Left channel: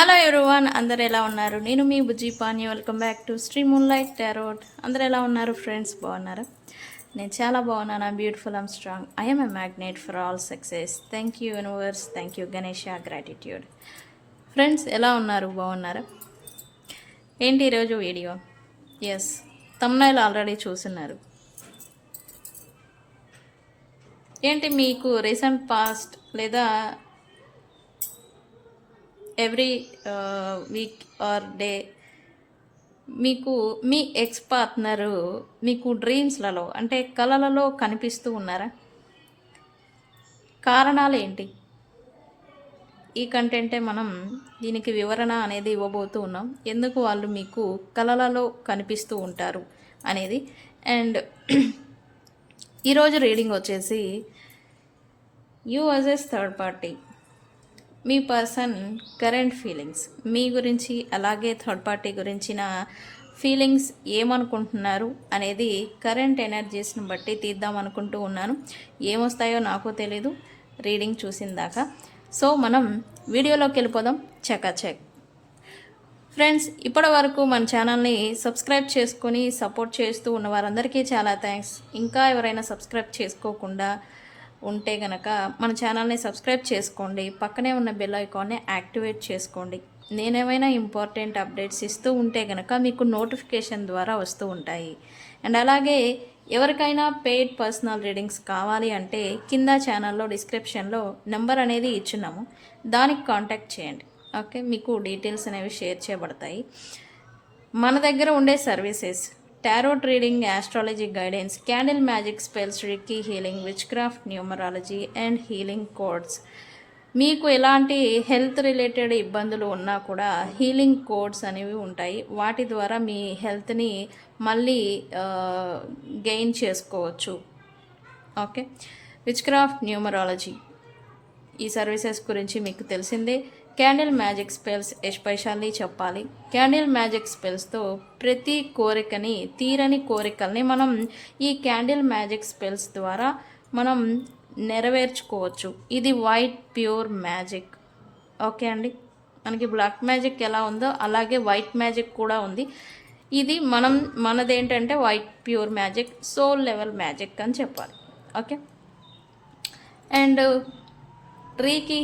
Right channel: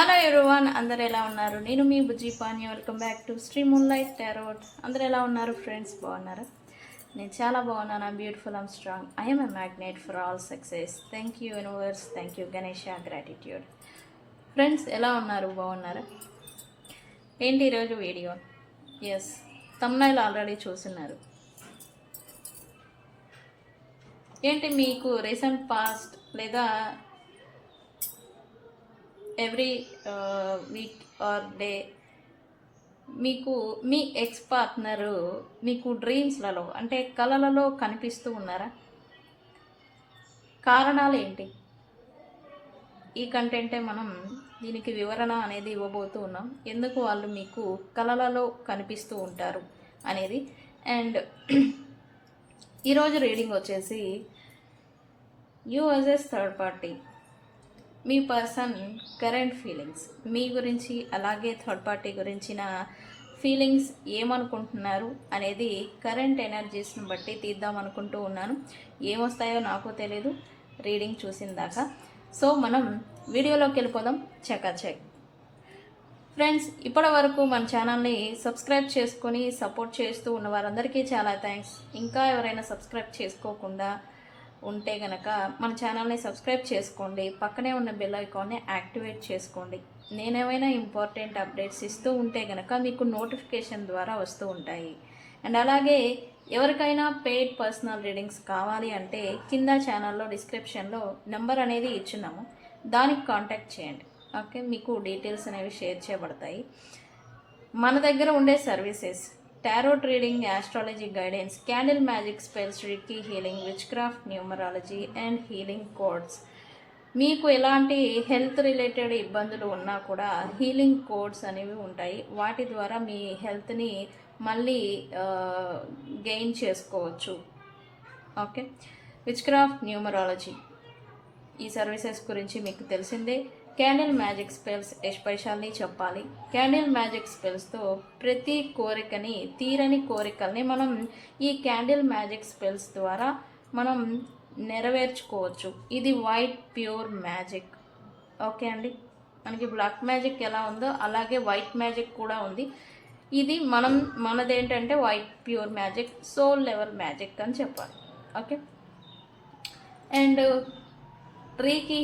Hello everyone, అందరు ఎలా ఉన్నారు? నేను మీ Bujji Pani. Welcome back to Shri moonlight tarot. అందరు ఎలా ఉన్నారు ఫ్రెండ్స్? బాగున్నారా? నేను చాలా బాగున్నాను. Beautiful, I'm strong, I'm a magnet for all success. Thank you universe, thank you Ganesha, gratitude. Friends ఎలా ఉన్నారు? బాగున్నారా? ఏంటి ఈరోజు వీడియో? ఎస్, తమ్నైల్ ఆల్రెడీ చూస్తున్నారు. ఏంటి మీకు రీసెంట్ పాస్ట్ లేదా ఎవ్రీ వీక్ ఆర్ డే మీకు మీ ఎక్స్ పార్ట్నరు మీకు డ్రీమ్స్లలో అంటే కళలలో కనిపిస్తూ ఉన్నారా? కారణాలు ఏంటి? ఈ కంటెంటే మనం దీనికి వివరణ అనేది ఇవ్వబోతూ ఉన్నాం. ఎందుకు వాళ్ళు మీకు కళలలో కనిపిస్తూ ఉంటారు అనేది. అండ్ ఈరోజు రీడింగ్ వచ్చేసి యూ వర్సెస్ థర్డ్ పార్టీ, మీ పర్సన్ కరెంట్ ఫీలింగ్స్ మీ గురించి, అలాగే థర్డ్ పార్టీ గురించిన ఫీలింగ్స్ ఏమనుకుంటున్నారు అనేది కరెంట్ ఎనర్జీస్ని బట్టి తీద్దాం అనుకుంటూ ఉన్నాను. ఏమొస్తాయో నాకు తెలీదు రీడింగ్ చూసిన దాకా. సో మనం వీడియోలోకి వెళ్ళిపోదాం. చెక్ ఫ్రెండ్స్, ఇప్పటి వరకు మన ఛానల్ని సబ్స్క్రైబ్ చేసుకొని సపోర్ట్ చేస్తూ ఉన్న వారందరికీ చాలా థ్యాంక్స్. ఇంకా ఎవరైనా సబ్స్క్రైబ్ చేసుకోకుండా ఉంటే గనక మన ఛానల్ని సబ్స్క్రైబ్ చేసుకోండి. పక్కనే ఉన్న బెల్ ఐకాన్ని యాక్టివేట్ చేసుకోండి. నేనేమైనా ఇంపార్టెంట్ అప్డేట్స్ ఇస్తూ ఉంటే గనక మీకు నోటిఫికేషన్ ద్వారా వస్తూ ఉంటాయి. అండ్ అలాగే ఎవరికైనా పెయిడ్ పర్సనల్ రీడింగ్స్ కావాలి అంటే కింద ఛానల్లో డిస్క్రిప్షన్లో నెంబర్ అనేది ఇచ్చున్నాము, దానికి కాంటాక్ట్ చేయండి. ఓకే, మీకు డీటెయిల్స్ అనేవి షేర్ చేయబడతాయి. మన దగ్గర ఉండే services tarot reading, astrology guidance, candle magic spells, reiki healing, witchcraft, numerology and healing codes. మీకు ఎలాంటి హెల్త్ రిలేటెడ్ ఇబ్బందులు ఉన్నా కూడా హీలింగ్ కోడ్స్ అనేవి ఉంటాయి. వాటి ద్వారా మీ హెల్త్ని మళ్ళీ గెయిన్ చేసుకోవచ్చు. ఓకే, విచ్ క్రాఫ్ట్, న్యూమరాలజీ ఈ సర్వీసెస్ గురించి మీకు తెలిసిందే. క్యాండిల్ మ్యాజిక్ స్పెల్స్ ఎస్పెషల్లీ చెప్పాలి. క్యాండిల్ మ్యాజిక్ స్పెల్స్తో ప్రతి కోరికని, తీరని కోరికల్ని మనం ఈ క్యాండిల్ మ్యాజిక్ స్పెల్స్ ద్వారా మనం నెరవేర్చుకోవచ్చు. ఇది వైట్ ప్యూర్ మ్యాజిక్. ఓకే అండి, మనకి బ్లాక్ మ్యాజిక్ ఎలా ఉందో అలాగే వైట్ మ్యాజిక్ కూడా ఉంది. ఇది మనదేంటంటే white pure magic, soul level magic అని చెప్పాలి. ఓకే, అండ్ రీకీ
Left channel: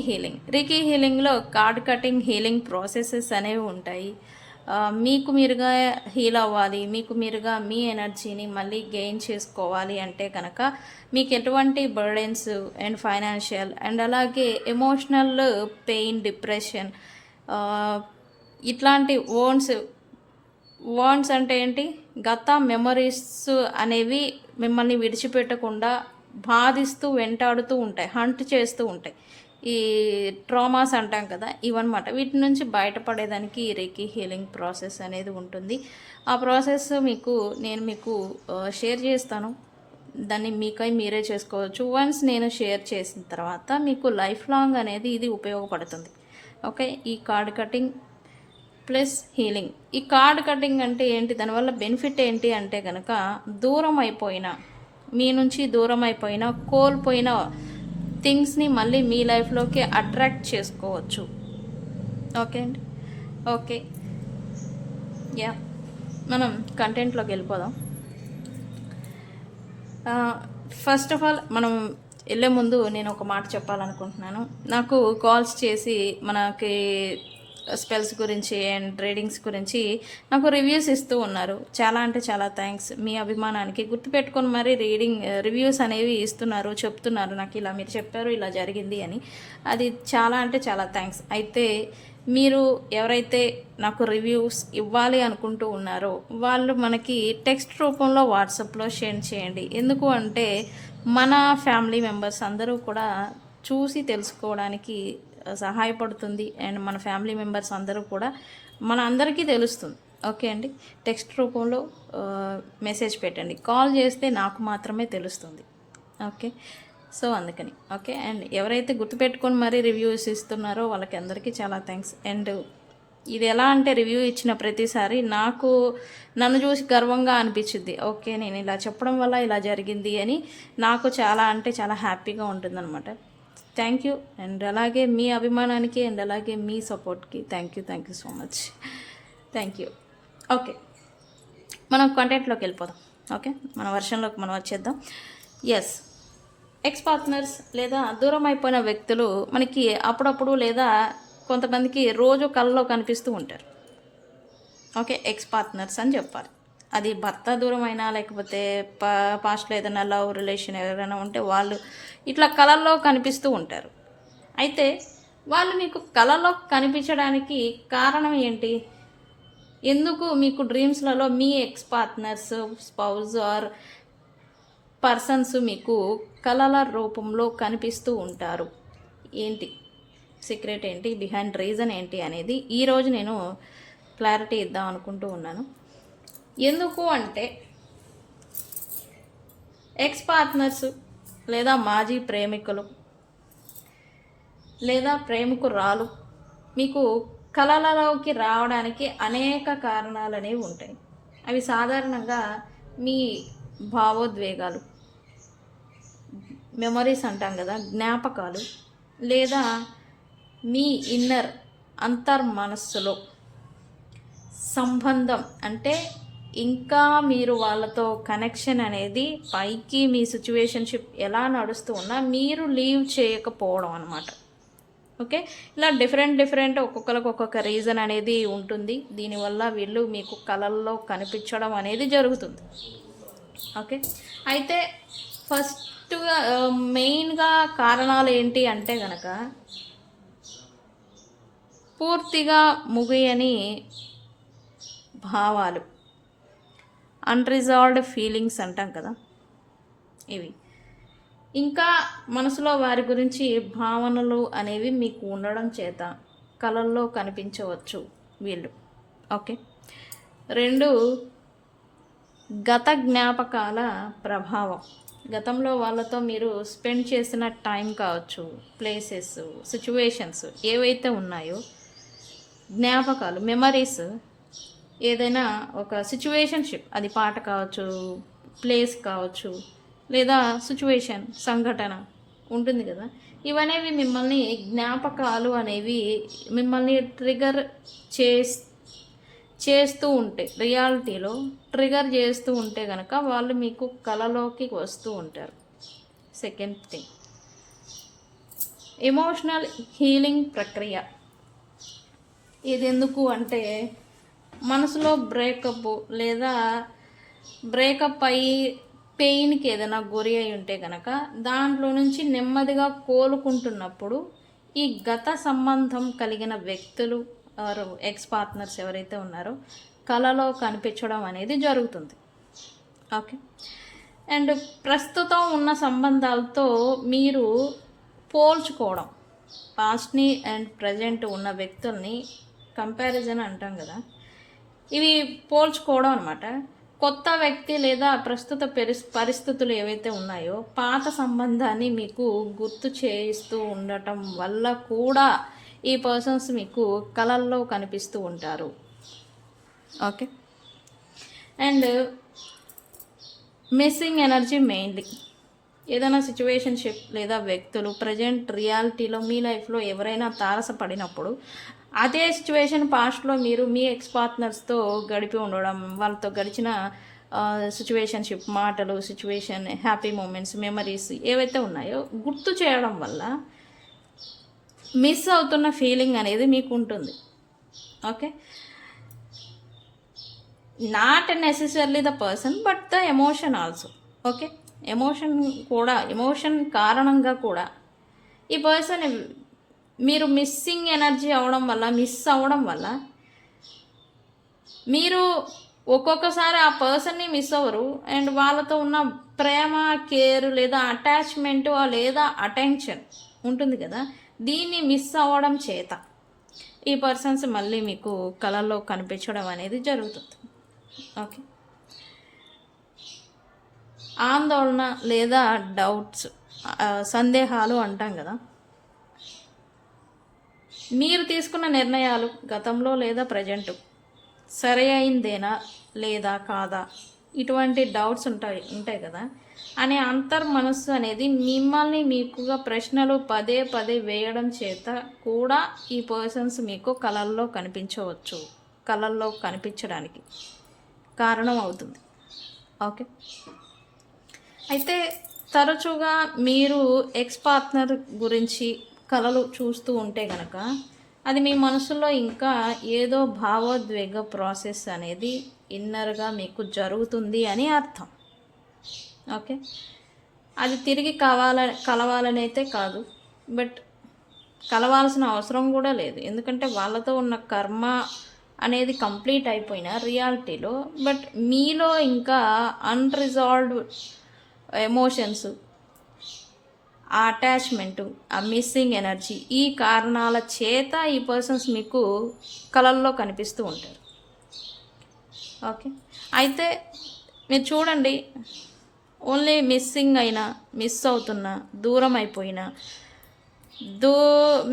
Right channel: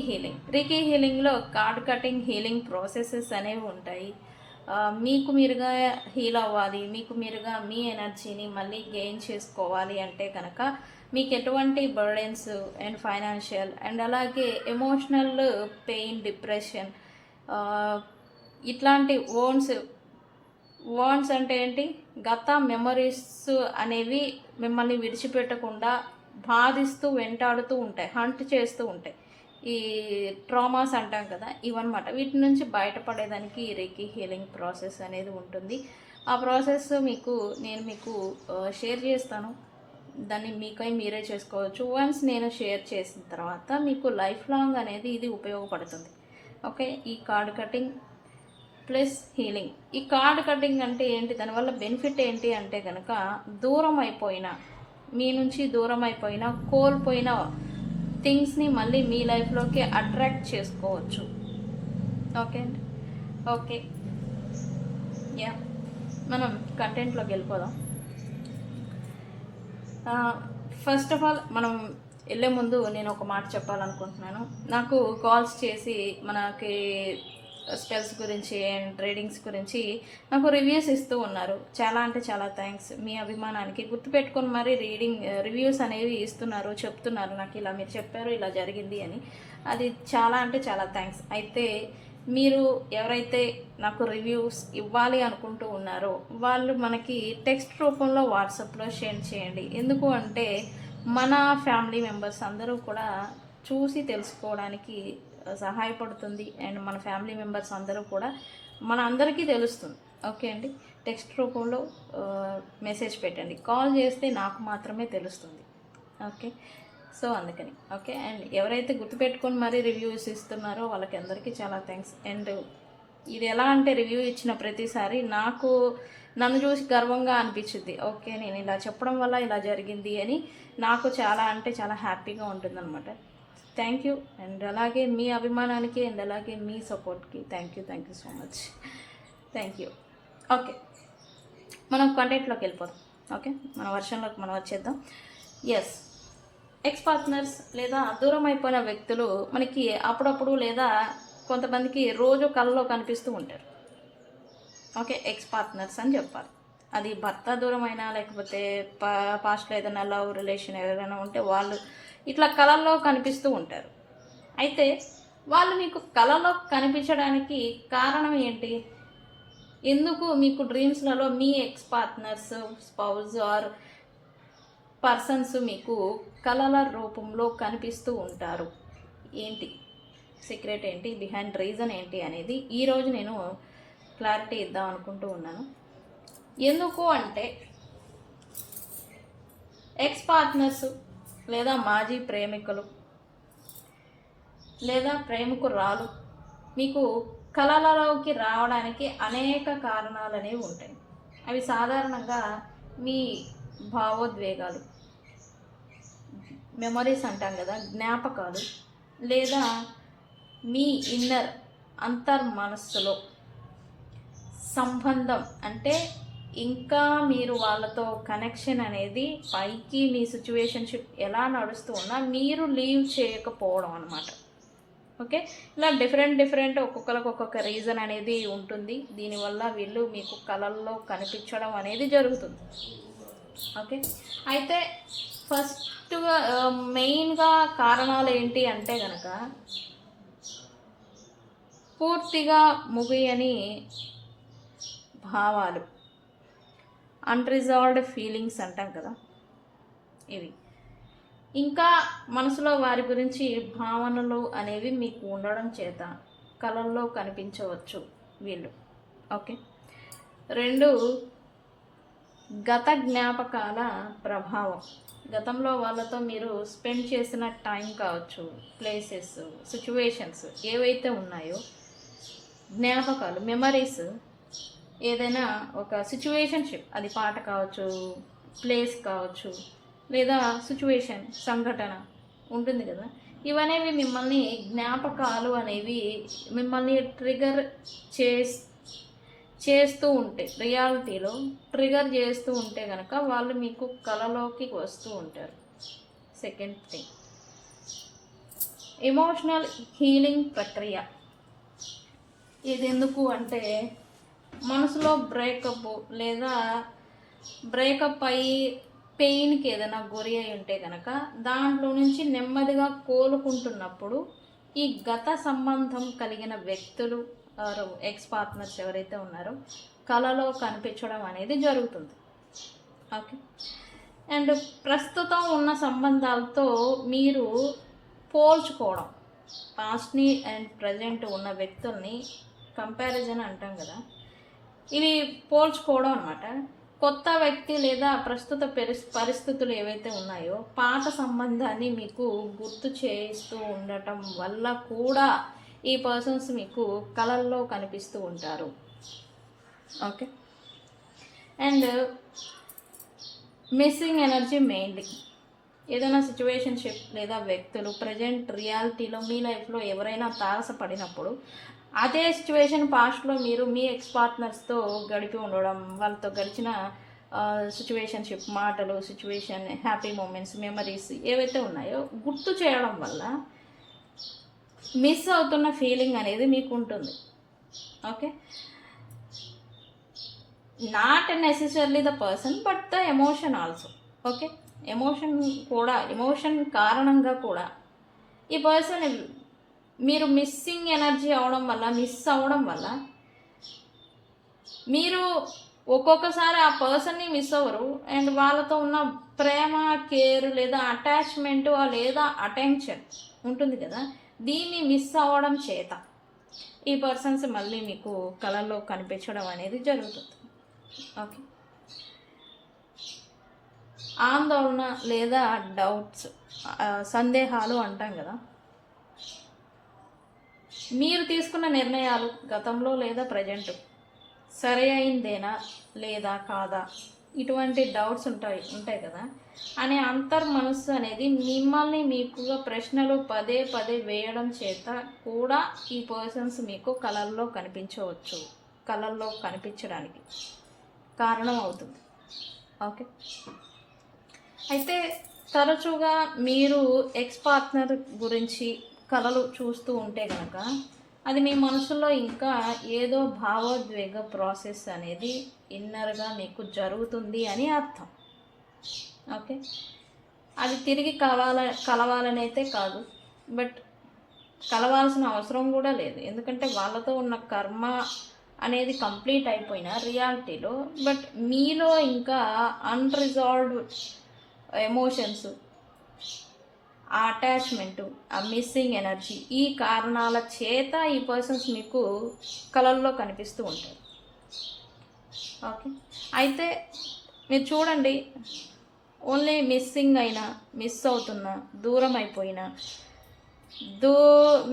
హీలింగ్లో కార్డ్ కటింగ్ హీలింగ్ ప్రాసెసెస్ అనేవి ఉంటాయి. మీకు మీరుగా హీల్ అవ్వాలి, మీకు మీరుగా మీ ఎనర్జీని మళ్ళీ గెయిన్ చేసుకోవాలి అంటే కనుక మీకు ఎటువంటి బర్డెన్స్ అండ్ ఫైనాన్షియల్ అండ్ అలాగే ఎమోషనల్ పెయిన్, డిప్రెషన్, ఇట్లాంటి వాండ్స్ అంటే ఏంటి, గత మెమరీస్ అనేవి మిమ్మల్ని విడిచిపెట్టకుండా బాధిస్తూ వెంటాడుతూ ఉంటాయి, హంట్ చేస్తూ ఉంటాయి. ఈ ట్రామాస్ అంటాం కదా, ఇవన్నమాట. వీటి నుంచి బయటపడేదానికి రీకీ హీలింగ్ ప్రాసెస్ అనేది ఉంటుంది. ఆ ప్రాసెస్ నేను మీకు షేర్ చేస్తాను. దాన్ని మీరే చేసుకోవచ్చు. వన్స్ నేను షేర్ చేసిన తర్వాత మీకు లైఫ్ లాంగ్ అనేది ఇది ఉపయోగపడుతుంది. ఓకే, ఈ కార్డ్ కటింగ్ ప్లస్ హీలింగ్. ఈ కార్డ్ కటింగ్ అంటే ఏంటి, దానివల్ల బెనిఫిట్ ఏంటి అంటే కనుక మీ నుంచి దూరం అయిపోయిన, కోల్పోయిన థింగ్స్ని మళ్ళీ మీ లైఫ్లోకి అట్రాక్ట్ చేసుకోవచ్చు. ఓకే అండి, ఓకే యా, మనం కంటెంట్లోకి వెళ్ళిపోదాం. ఫస్ట్ ఆఫ్ ఆల్ మనం వెళ్ళే ముందు నేను ఒక మాట చెప్పాలనుకుంటున్నాను. నాకు కాల్స్ చేసి మనకి స్పెల్స్ గురించి అండ్ రీడింగ్స్ గురించి నాకు రివ్యూస్ ఇస్తూ ఉన్నారు. చాలా అంటే చాలా థ్యాంక్స్. మీ అభిమానానికి గుర్తుపెట్టుకొని మరి రివ్యూస్ అనేవి ఇస్తున్నారు, చెప్తున్నారు నాకు ఇలా మీరు చెప్పారు, ఇలా జరిగింది అని. అది చాలా అంటే చాలా థ్యాంక్స్. అయితే మీరు ఎవరైతే నాకు రివ్యూస్ ఇవ్వాలి అనుకుంటూ ఉన్నారో వాళ్ళు మనకి టెక్స్ట్ రూపంలో వాట్సాప్లో షేర్ చేయండి. ఎందుకు అంటే మన ఫ్యామిలీ మెంబర్స్ అందరూ కూడా చూసి తెలుసుకోవడానికి సహాయపడుతుంది. అండ్ మన ఫ్యామిలీ మెంబర్స్ అందరూ కూడా మన అందరికీ తెలుస్తుంది. ఓకే అండి, టెక్స్ట్ రూపంలో మెసేజ్ పెట్టండి. కాల్ చేస్తే నాకు మాత్రమే తెలుస్తుంది. ఓకే, సో అందుకని ఓకే. అండ్ ఎవరైతే గుర్తుపెట్టుకొని మరీ రివ్యూస్ ఇస్తున్నారో వాళ్ళకి అందరికీ చాలా థ్యాంక్స్. అండ్ ఇది ఎలా అంటే రివ్యూ ఇచ్చిన ప్రతిసారి నన్ను చూసి గర్వంగా అనిపించింది. ఓకే, నేను ఇలా చెప్పడం వల్ల ఇలా జరిగింది అని నాకు చాలా అంటే చాలా హ్యాపీగా ఉంటుందన్నమాట. Thank you. అండ్ అలాగే మీ అభిమానానికి అండ్ అలాగే మీ సపోర్ట్కి thank you so much. Thank you. Okay, మనం కంటెంట్లోకి వెళ్ళిపోదాం. ఓకే, మన వర్షన్లోకి మనం వచ్చేద్దాం. ఎస్, ఎక్స్ పార్ట్నర్స్ లేదా దూరం అయిపోయిన వ్యక్తులు మనకి అప్పుడప్పుడు లేదా కొంతమందికి రోజు కళ్ళలో కనిపిస్తూ ఉంటారు. ఓకే, ఎక్స్ పార్ట్నర్స్ అని చెప్పాలి. అది భర్త దూరమైనా లేకపోతే పాస్ట్లో ఏదైనా లవ్ రిలేషన్ ఎవరైనా ఉంటే వాళ్ళు ఇట్లా కళల్లో కనిపిస్తూ ఉంటారు. అయితే వాళ్ళు మీకు కళలో కనిపించడానికి కారణం ఏంటి? ఎందుకు మీకు డ్రీమ్స్లలో మీ ex partners, spouse or persons మీకు కళల రూపంలో కనిపిస్తూ ఉంటారు? ఏంటి సీక్రెట్, ఏంటి బిహైండ్ రీజన్ ఏంటి అనేది ఈరోజు నేను క్లారిటీ ఇద్దాం అనుకుంటూ ఉన్నాను. ఎందుకు అంటే ఎక్స్ పార్ట్నర్స్ లేదా మాజీ ప్రేమికులు లేదా ప్రేమికురాలు మీకు కళలలోకి రావడానికి అనేక కారణాలు అనేవి ఉంటాయి. అవి సాధారణంగా మీ భావోద్వేగాలు, మెమొరీస్ అంటాం కదా, జ్ఞాపకాలు, లేదా మీ ఇన్నర్ అంతర్మనస్సులో సంబంధం అంటే ఇంకా మీరు వాళ్ళతో కనెక్షన్ అనేది పైకి మీ సిచ్యువేషన్షిప్ ఎలా నడుస్తూ ఉన్నా మీరు లీవ్ చేయకపోవడం అనమాట. ఓకే, ఇలా డిఫరెంట్ ఒక్కొక్కరికి ఒక్కొక్క రీజన్ అనేది ఉంటుంది. దీనివల్ల వీళ్ళు మీకు కళల్లో కనిపించడం అనేది జరుగుతుంది. ఓకే, అయితే ఫస్ట్గా మెయిన్గా కారణాలు ఏంటి అంటే కనుక పూర్తిగా ముగియని భావాలు, అన్రిజాల్వ్డ్ ఫీలింగ్స్ అంటాం కదా, ఇవి ఇంకా మనసులో వారి గురించి భావనలు అనేవి మీకు ఉండడం చేత కళల్లో కనిపించవచ్చు వీళ్ళు. ఓకే, 2 గత జ్ఞాపకాల ప్రభావం. గతంలో వాళ్ళతో మీరు స్పెండ్ చేసిన టైం కావచ్చు, ప్లేసెస్, సిచ్యువేషన్స్ ఏవైతే ఉన్నాయో, జ్ఞాపకాలు, మెమరీస్, ఏదైనా ఒక సిచ్యువేషన్షిప్, అది పాట కావచ్చు, ప్లేస్ కావచ్చు, లేదా సిచ్యువేషన్, సంఘటన ఉంటుంది కదా, ఇవనేవి మిమ్మల్ని జ్ఞాపకాలు అనేవి మిమ్మల్ని ట్రిగర్ చేస్తూ ఉంటే, రియాలిటీలో ట్రిగర్ చేస్తూ ఉంటే కనుక వాళ్ళు మీకు కళలోకి వస్తూ ఉంటారు. సెకండ్ థింగ్, ఎమోషనల్ హీలింగ్ ప్రక్రియ. ఇది ఎందుకు అంటే మనసులో బ్రేకప్ లేదా బ్రేకప్ అయ్యి పెయిన్కి ఏదైనా గురి అయి ఉంటే కనుక దాంట్లో నుంచి నెమ్మదిగా కోలుకుంటున్నప్పుడు ఈ గత సంబంధం కలిగిన వ్యక్తులు ఆర్ ఎక్స్ పార్ట్నర్స్ ఎవరైతే ఉన్నారో కళలో కనిపించడం అనేది జరుగుతుంది. ఓకే, అండ్ ప్రస్తుతం ఉన్న సంబంధాలతో మీరు పోల్చుకోవడం, పాస్ట్ని అండ్ ప్రజెంట్ ఉన్న వ్యక్తుల్ని కంపారిజన్ అంటాం కదా, ఇవి పోల్చుకోవడం అనమాట. కొత్త వ్యక్తి లేదా ప్రస్తుత పరిస్థితులు ఏవైతే ఉన్నాయో పాత సంబంధాన్ని మీకు గుర్తు చేస్తూ ఉండటం వల్ల కూడా ఈ పర్సన్స్ మీకు కళల్లో కనిపిస్తూ ఉంటారు. Okay, and missing energy mainly. ఏదైనా సిచ్యువేషన్షిప్ లేదా వ్యక్తులు ప్రజెంట్ రియాలిటీలో మీ లైఫ్లో ఎవరైనా తారసపడినప్పుడు అదే సిచ్యువేషన్ పాస్ట్లో మీరు మీ ఎక్స్ పార్ట్నర్స్తో గడిపి ఉండడం, వాళ్ళతో గడిచిన సిచ్యువేషన్షిప్, మాటలు, సిచ్యువేషన్, హ్యాపీ మూమెంట్స్, మెమరీస్ ఏవైతే ఉన్నాయో గుర్తు చేయడం వల్ల మిస్ అవుతున్న ఫీలింగ్ అనేది మీకు ఉంటుంది. Okay, not necessarily the person but the emotion also. Okay, emotion కారణంగా కూడా ఈ పర్సన్ మీరు మిస్సింగ్ ఎనర్జీ మిస్ అవ్వడం వల్ల మీరు ఒక్కొక్కసారి ఆ పర్సన్ని మిస్ అవ్వరు, అండ్ వాళ్ళతో ఉన్న ప్రేమ, కేర్ లేదా అటాచ్మెంట్ లేదా అటెన్షన్ ఉంటుంది కదా, దీన్ని మిస్ అవ్వడం చేత ఈ పర్సన్స్ మళ్ళీ మీకు కళల్లో కనిపించడం అనేది జరుగుతుంది. ఓకే, ఆందోళన లేదా డౌట్స్, సందేహాలు అంటాం కదా, మీరు తీసుకున్న నిర్ణయాలు గతంలో లేదా ప్రజెంట్ సరైందేనా లేదా కాదా, ఇటువంటి డౌట్స్ ఉంటాయి కదా అనే మనస్సు అనేది మిమ్మల్ని మీకుగా ప్రశ్నలు పదే పదే వేయడం చేత కూడా ఈ పర్సన్స్ మీకు కళల్లో కనిపించవచ్చు, కళల్లో కనిపించడానికి కారణం అవుతుంది. ఓకే, అయితే తరచుగా మీరు ఎక్స్ పార్ట్నర్ గురించి కళలు చూస్తూ ఉంటే కనుక అది మీ మనసులో ఇంకా ఏదో భావోద్వేగ ప్రాసెస్ అనేది ఇన్నర్గా మీకు జరుగుతుంది అని అర్థం. ఓకే, అది తిరిగి కలవాలని అయితే కాదు, బట్ కలవాల్సిన అవసరం కూడా లేదు. ఎందుకంటే వాళ్ళతో ఉన్న కర్మ అనేది కంప్లీట్ అయిపోయిన రియాలిటీలో, బట్ మీలో ఇంకా అన్రిజాల్వ్డ్ ఎమోషన్స్, ఆ అటాచ్మెంటు, ఆ మిస్సింగ్ ఎనర్జీ, ఈ కారణాల చేత ఈ పర్సన్స్ మీకు కళల్లో కనిపిస్తూ ఉంటారు. ఓకే, అయితే మీరు చూడండి, ఓన్లీ మిస్సింగ్ అయినా, మిస్ అవుతున్నా, దూరం అయిపోయినా,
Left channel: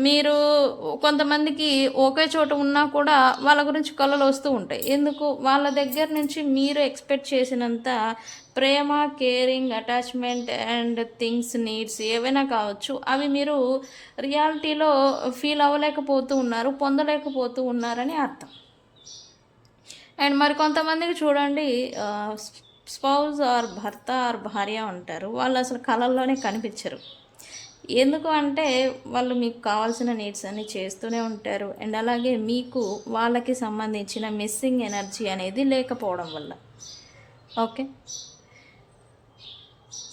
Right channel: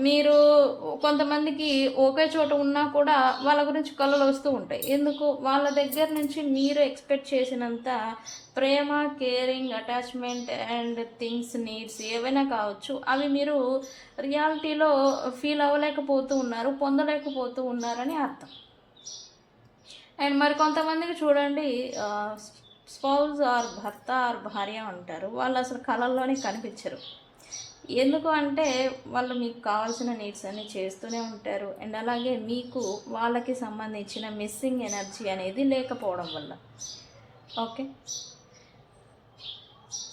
మీరు కొంతమందికి ఒకే చోట ఉన్నా కూడా వాళ్ళ గురించి కళలు వస్తూ ఉంటాయి. ఎందుకు? వాళ్ళ దగ్గర నుంచి మీరు ఎక్స్పెక్ట్ చేసినంత ప్రేమ, caring, attachment and things, needs ఏవైనా కావచ్చు, అవి మీరు రియాలిటీలో ఫీల్ అవ్వలేకపోతూ ఉన్నారు, పొందలేకపోతూ ఉన్నారని అర్థం. అండ్ మరి కొంతమందికి చూడండి, స్పౌజ్ ఆర్ భర్త ఆర్ భార్య ఉంటారు, వాళ్ళు అసలు కళల్లోనే కనిపించరు. ఎందుకు అంటే వాళ్ళు మీకు కావాల్సిన నీడ్స్ అన్నీ చేస్తూనే ఉంటారు, అండ్ అలాగే మీకు వాళ్ళకి సంబంధించిన మిస్సింగ్ ఎనర్జీ అనేది లేకపోవడం వల్ల. ఓకే,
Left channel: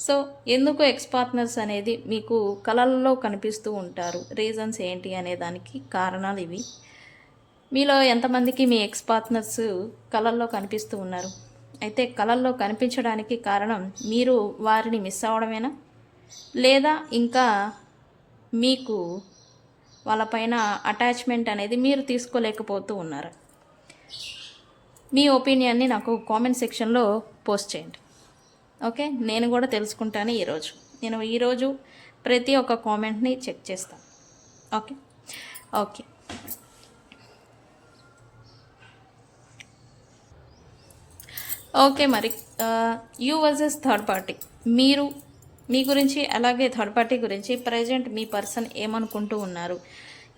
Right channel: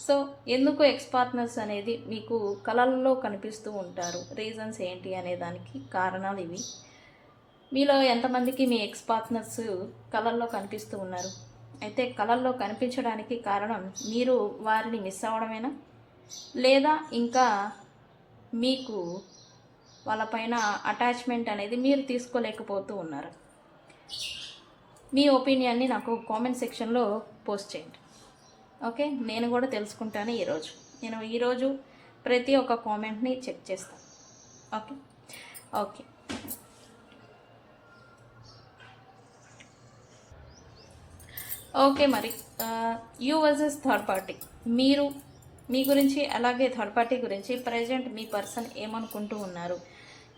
సో ఎందుకు ఎక్స్ పార్ట్నర్స్ అనేది మీకు కళల్లో కనిపిస్తూ ఉంటారు, రీజన్స్ ఏంటి అనే దానికి కారణాలు ఇవి. మీలో ఎంతమందికి మీ ఎక్స్ పార్ట్నర్స్ కళల్లో కనిపిస్తూ ఉన్నారు? అయితే కళల్లో కనిపించడానికి కారణం మీరు వారిని మిస్ అవ్వడమేనా, లేదా ఇంకా మీకు వాళ్ళపైన అటాచ్మెంట్ అనేది మీరు తీసుకోలేకపోతూ ఉన్నారా? మీ ఒపీనియన్ని నాకు కామెంట్ సెక్షన్లో పోస్ట్ చేయండి. ఓకే, నేను కూడా తెలుసుకుంటాను. నేను ఈరోజు ప్రతి ఒక్క కామెంట్ని చెక్ చేస్తాను. ఓకే ఓకే ఓకే మరి యూ వర్సెస్ థర్డ్ పార్టీ, మీ గురించి, అలాగే థర్డ్ పార్టీ గురించి ప్రజెంట్ మీ పర్సన్ ఏమనుకుంటూ ఉన్నారు?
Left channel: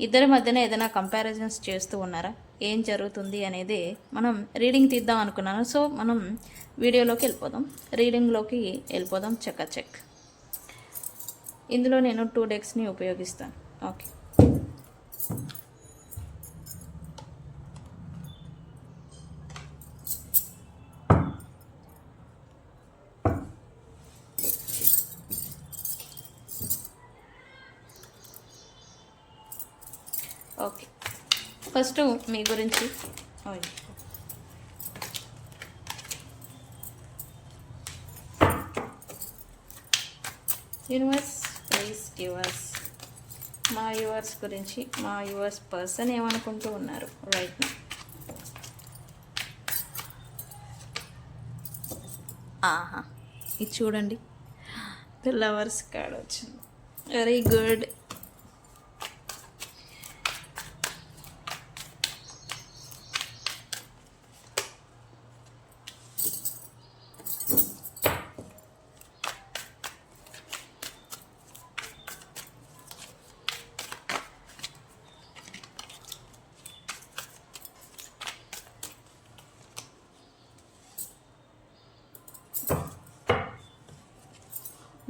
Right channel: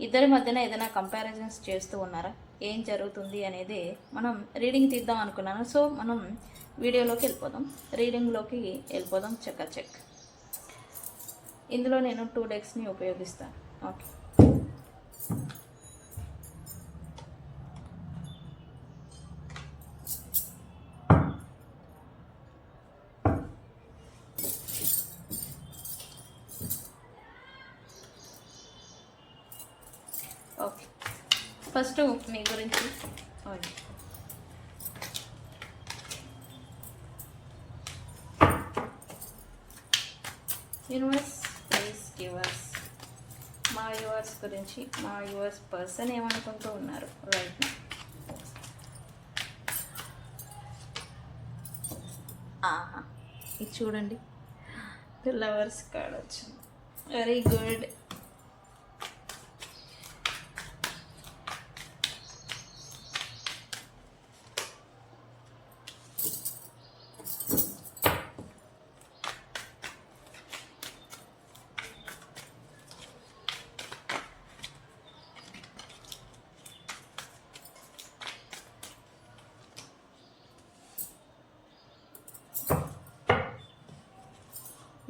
ఇద్దరి మధ్యన ఏదైనా కంపారిజన్స్ చేస్తూ ఉన్నారా? ఏం జరుగుతుంది అనేది మనం రీడింగ్ తీద్దాం అనుకున్నాను. సో మనం రీడింగ్లోకి వెళ్ళిపోదాం. చెక్ ఇందులో నేను 2 డెక్స్ని ఉపయోగిస్తాను. ఓకే, ఓకే, ఫస్ట్ మీ గురించి యూనివర్స్ ప్లీజ్ గివ్ us మా యూవర్స్ గురించి, మా యూవర్స్ పర్సన్ ఏమనుకుంటూ ఉన్నారు రైట్ నౌ. ఆహా, ఇది చూడండి, లవర్స్ కార్డ్ వచ్చింది. Very good.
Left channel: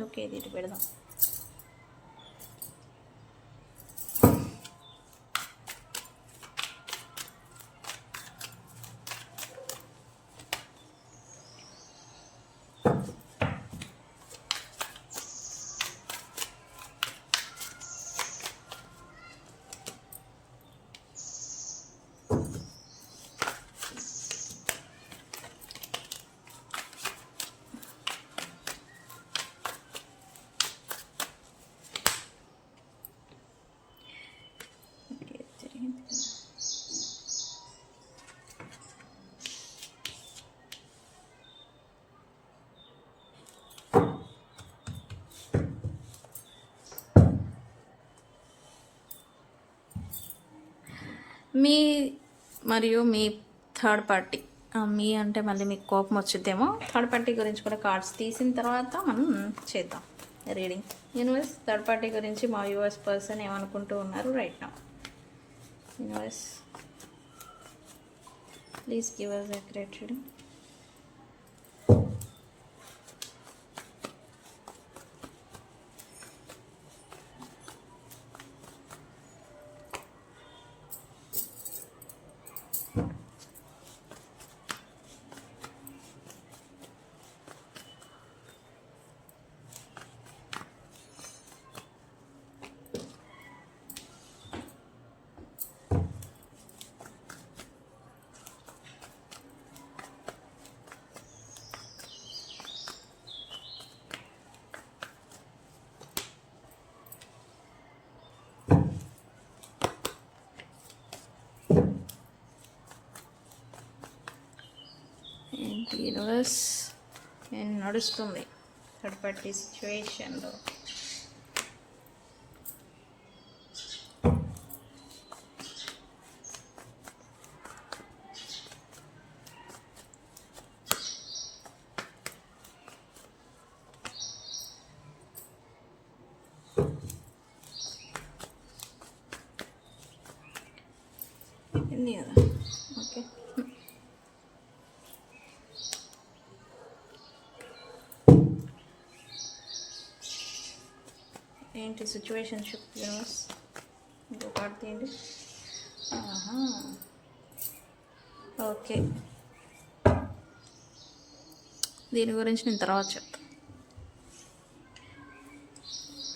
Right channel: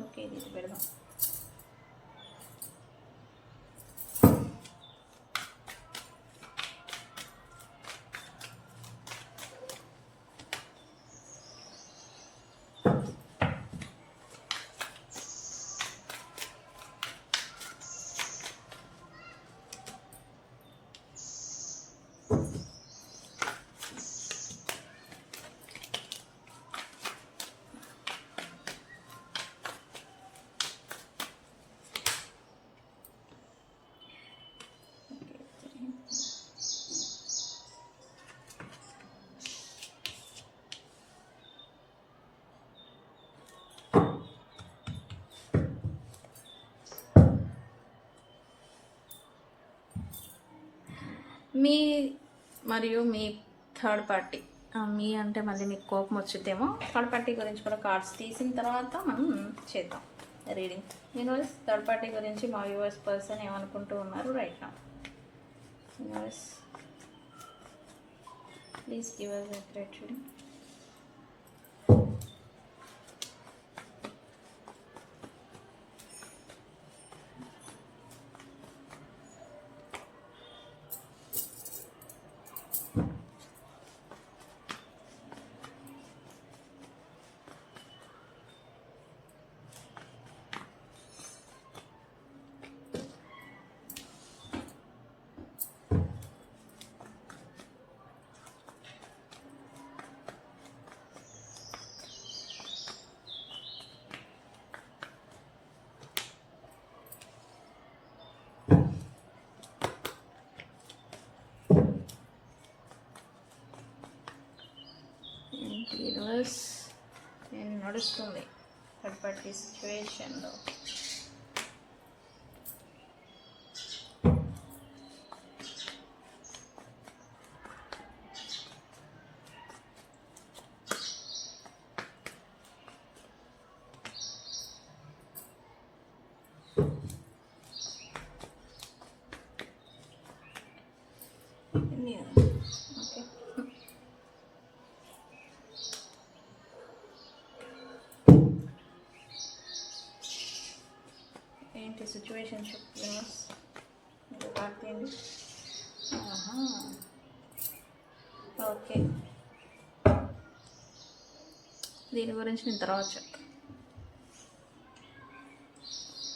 ఓకే, ఇది పెడదాం. మీ మరియు మీ థర్డ్ పార్టీ మీ అంటే మళ్ళీ మీకు కోపం వచ్చిద్దేమో. థర్డ్ పార్టీ గురించి కూడా కార్డ్స్ తీసిన తర్వాత మనం చేద్దాం రీడింగ్. యూనివర్స్, థర్డ్ పార్టీ గురించి మా యూఎస్ పర్సన్ ఏమనుకుంటూ ఉన్నారు right now. Universe, please give us accurate reading. Universe నేను నడుస్తుంది థర్డ్ పార్టీ సిచ్యువేషన్లో. ఓకే, ఏంటి సిచ్యువేషన్షిప్ యూనివర్స్? ఇంకో కార్డ్ తీయండి. ఓకే, దీని గురించి నేను తర్వాత చెప్తాను.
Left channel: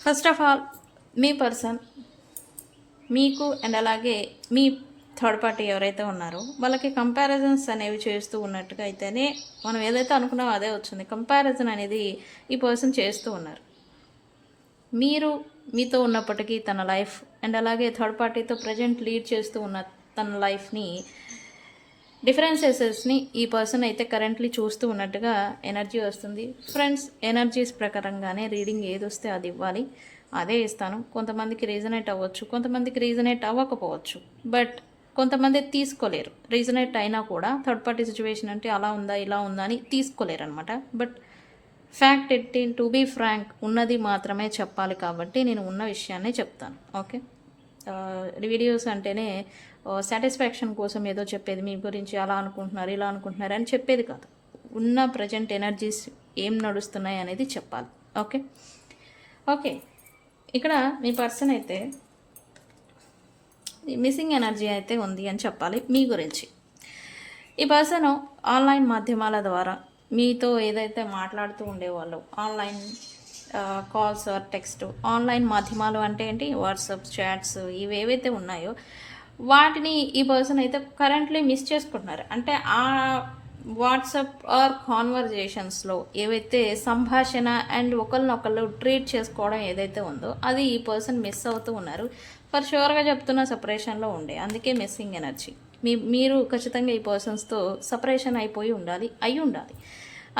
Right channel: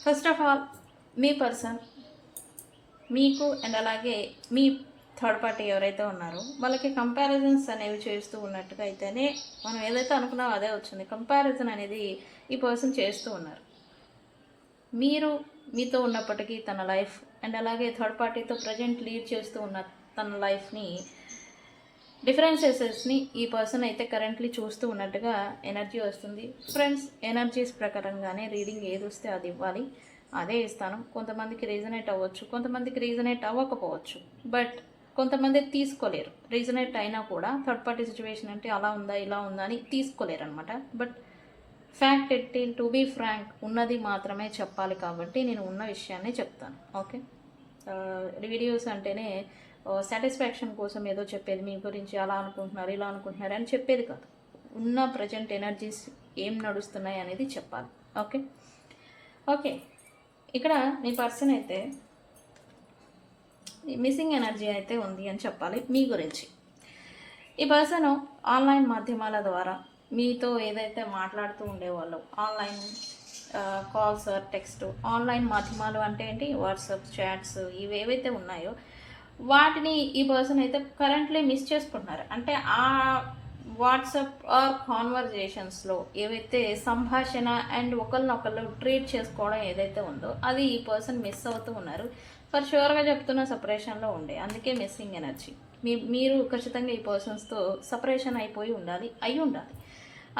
ఫస్ట్ ఆఫ్ ఆల్ మీ పర్సన్ మీకు అండ్ అలాగే మీ థర్డ్ పార్టీ ఎవరైతే ఉన్నారో వాళ్ళకి కంపారిజన్స్ అనేవి చేస్తూ ఉన్నట్టుగా అయితేనే మనం ఏదైతే అనుకున్నామో అదే వచ్చింది. కంపారిజన్ అనేది ఈ పర్సన్ చేస్తూ ఉన్నారు. మీరు మీతో ఉన్నప్పటికీ తన లైఫ్ అండ్ అలాగే థర్డ్ పార్టీతో ప్రజెంట్ లీడ్ చేస్తూ ఉన్న తన లైఫ్ని డిఫరెన్సెస్ని ఈ పర్సన్ అయితే కరెంట్లీ చూస్తూ ఉన్నట్టుగా ఎనర్జీ వస్తుంది. ఫ్రెండ్స్, ఎనర్జీస్ ప్రకారంగానే రీడింగ్ ఏది వస్తే అది ఇవ్వాలి, అదే ఇస్తాను. కొంతమందికి రీజనేట్ అవ్వచ్చు, కొంతమందికి రీజనేట్ అవ్వకపోవచ్చు. బట్ కొంతమంది తీసుకోలేరు. రీజనేట్ అయినా కూడా థర్డ్ పార్టీ సిచ్యువేషన్ అంటే అలా ఉందా ఇలా ఉందా అని తీసుకోలేరు అనమాట. బట్ ఫ్యాక్ట్ ఎట్టిన్ టు బీ ఫ్రాంక్ ఉన్నది మాత్రమే చెప్పాలి కాబట్టి నేను ఉన్న విషయాన్ని చెప్తాను. ఓకే, వీడియోస్ అంటేనే సాటిస్ఫాక్షన్ కోసం ఏదో చెప్పేది మీ గురించి అలా అనుకుంటున్నారు ఇలా అనుకుంటున్నారు అని చెప్పేది కాదు. ఉన్న ప్రజెంట్ ఎనర్జీస్ ఏం నడుస్తున్నాయి అనేది చెప్పాలి. ఓకే ఓకే, ఇక్కడ మీ పర్సన్ అయితే మిస్సింగ్ ఎనర్జీ అయితే ఉంది అని చెప్పాలి మీ గురించి. ఈ పర్సన్ ఆన్లైన్ మాధ్యమాల ద్వారా మీతో ఏదైతే మాట్లాడుతూ ఉండేవాళ్ళు, online calls or text, online మాధ్యమాలు అంటే ఏంటి, వాట్సాప్ చాట్స్ ఇవి ఏవైతే ఉన్నాయో వాటిని ఈ పర్సన్ అయితే కరెంట్లీ మిస్ చేసుకుంటున్నారు. అంటే ఆ వాట్సాప్ ఆర్ కాన్వర్జేషన్స్లో ఏవైతే సంభాషణ అండ్ ఒకరినొకళ్ళు ట్రీట్ చేసుకోవడం ఏదైతే ఉందో అది ఈ పర్సన్ మిస్ అవుతూ ఉన్నారు. ఫర్ షూర్గా చెప్తున్న సపరేషన్లో ఉండే, అందుకే మిస్సింగ్ ఎనర్జీ. మీరు ఖచ్చితంగా ఈ పర్సన్స్తో సపరేషన్ అయిపోయి ఉండాలి, అయి ఉండాలి,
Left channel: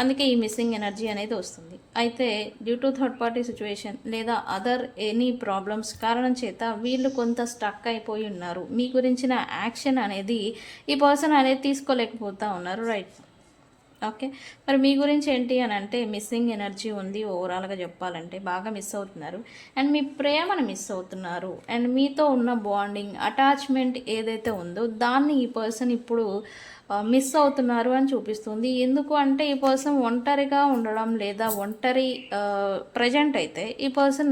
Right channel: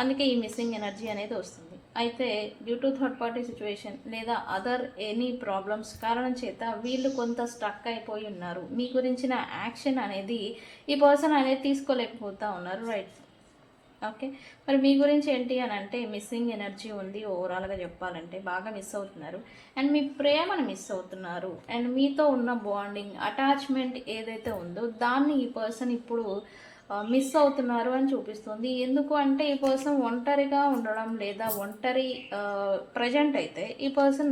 అందుకే ఈ మిస్సింగ్ ఎనర్జీ అనేది వస్తుంది. అయితే due to third party situation లేదా అదర్ ఎనీ ప్రాబ్లమ్స్ కారణం చేత వీళ్ళు కొంత స్టక్ అయిపోయి ఉన్నారు. మీ గురించిన యాక్షన్ అనేది ఈ పర్సన్ అనేది తీసుకోలేకపోతూ ఉన్నారు. Right, okay. మరి మీ గురించి ఏంటి అని అంటే మిస్సింగ్ ఎనర్జీ ఉంది. ఓవరాల్గా చెప్పాలంటే బాగా మిస్ అవుతున్నారు అండ్ మీ ప్రేమను మిస్ అవుతున్నారు అండ్ మీతో ఉన్న బాండింగ్ అటాచ్మెంట్ ఏదైతే ఉందో దాన్ని ఈ పర్సన్ ఇప్పుడు మిస్ అవుతున్నారు అని చూపిస్తుంది. ఎందుకు అంటే ఈ పర్సన్ ఒంటరిగా ఉండడం లేదా ఒంటరి ప్రజెంట్ అయితే ఈ పర్సన్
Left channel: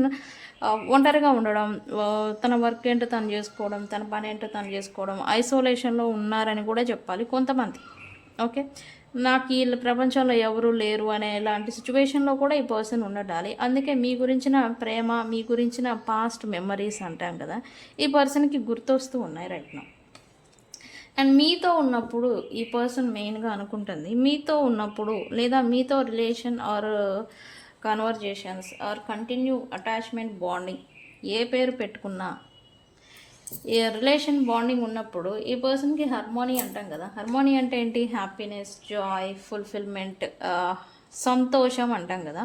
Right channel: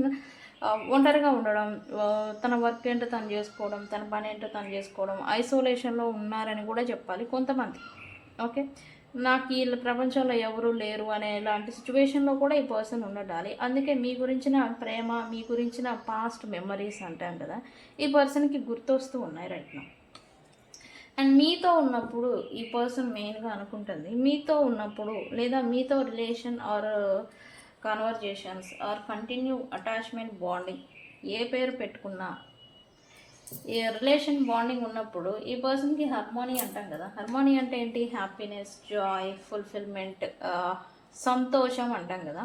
ఒంటరిగా ఉండడం, తన వర్క్ ఏంటో తను చేసుకోవడం, తన పని ఏంటో తను చేసుకోవడం, ఐసోలేషన్లో ఉన్నారని కూడా చెప్పాలి కొంతమంది. ఓకే, నాకు ఈ ప్రపంచంలో ఎవరు లేరు అనే ఇలాంటి సిచ్యువేషన్లో కూడా ఈ పర్సన్ ఉండడాలి. అందుకే మీ గురించిన ప్రేమ, మీ గురించిన పాస్ట్ మెమరీస్ అంటాం కదా, ఈ పర్సన్కి గుర్తొస్తూ ఉన్నాయి రైట్ నౌ. అండ్ మీతో ఉన్నప్పుడు ఈ పర్సన్ మెయిన్గా అనుకుంటుంది, మీతో ఉన్నప్పుడు లేదా మీతో relation or conversations or continue attachment bonding ఏ పేరు పెట్టుకున్నా ఈ రిలేషన్ బాండింగ్ ఉన్నప్పుడు ఈ పర్సన్కి హార్మోనీ అంటాం కదా. హార్మోనీ అంటే ఏంటి, హ్యాపీనెస్, జాయ్, ఫుల్ఫిల్మెంట్, సంతోషం అంటాం కదా.